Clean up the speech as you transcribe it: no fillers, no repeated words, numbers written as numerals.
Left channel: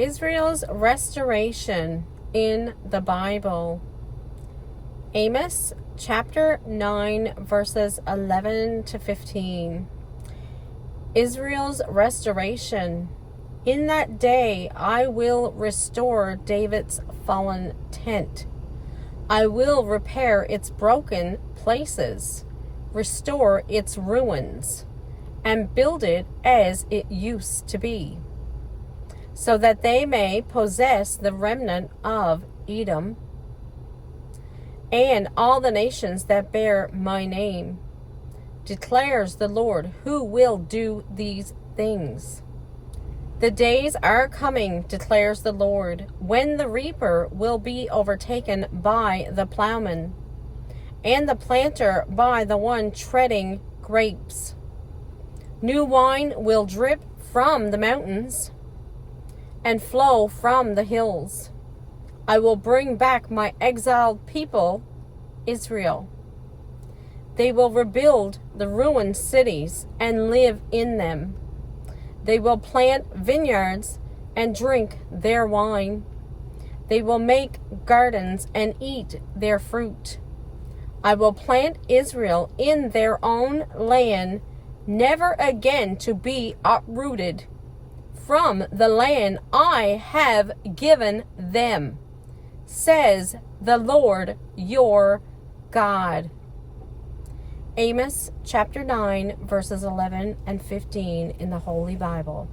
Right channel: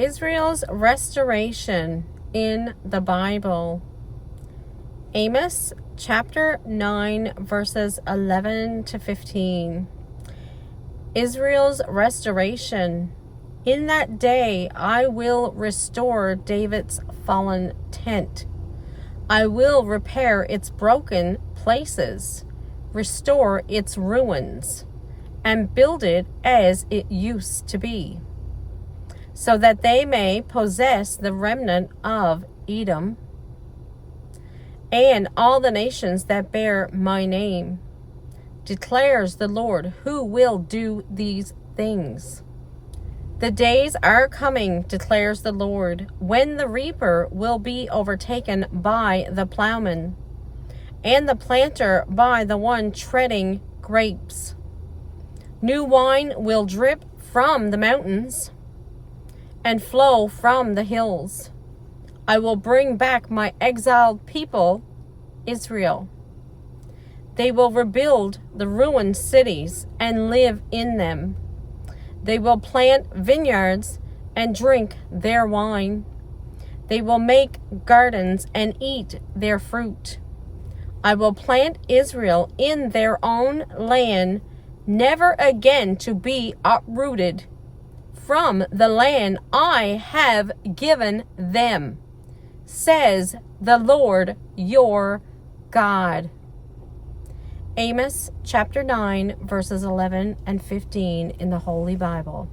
Israel's restoration in the Bible. Amos chapter 9 verses 11 to 15. Israel's restoration. In that day I will restore David's fallen tent. I will repair its broken places, restore its ruins, and build it as it used to be, so that they may possess the remnant of Edom and all the nations that bear my name, declares the Lord, who will do these things. The days are coming, declares the Lord, when the reaper will be overtaken by the plowman, and the planter by the one treading grapes. New wine will drip from the mountains and flow from the hills. I will bring back my exiled people, Israel. They will rebuild the ruined cities and live in them. They will plant vineyards and drink their wine. They will make gardens and eat their fruit. I will plant Israel in their own land, never again to be uprooted from the land I have given them, says the Lord your God. Amos chapter 9 verses 11 and 15 in the Holy Bible.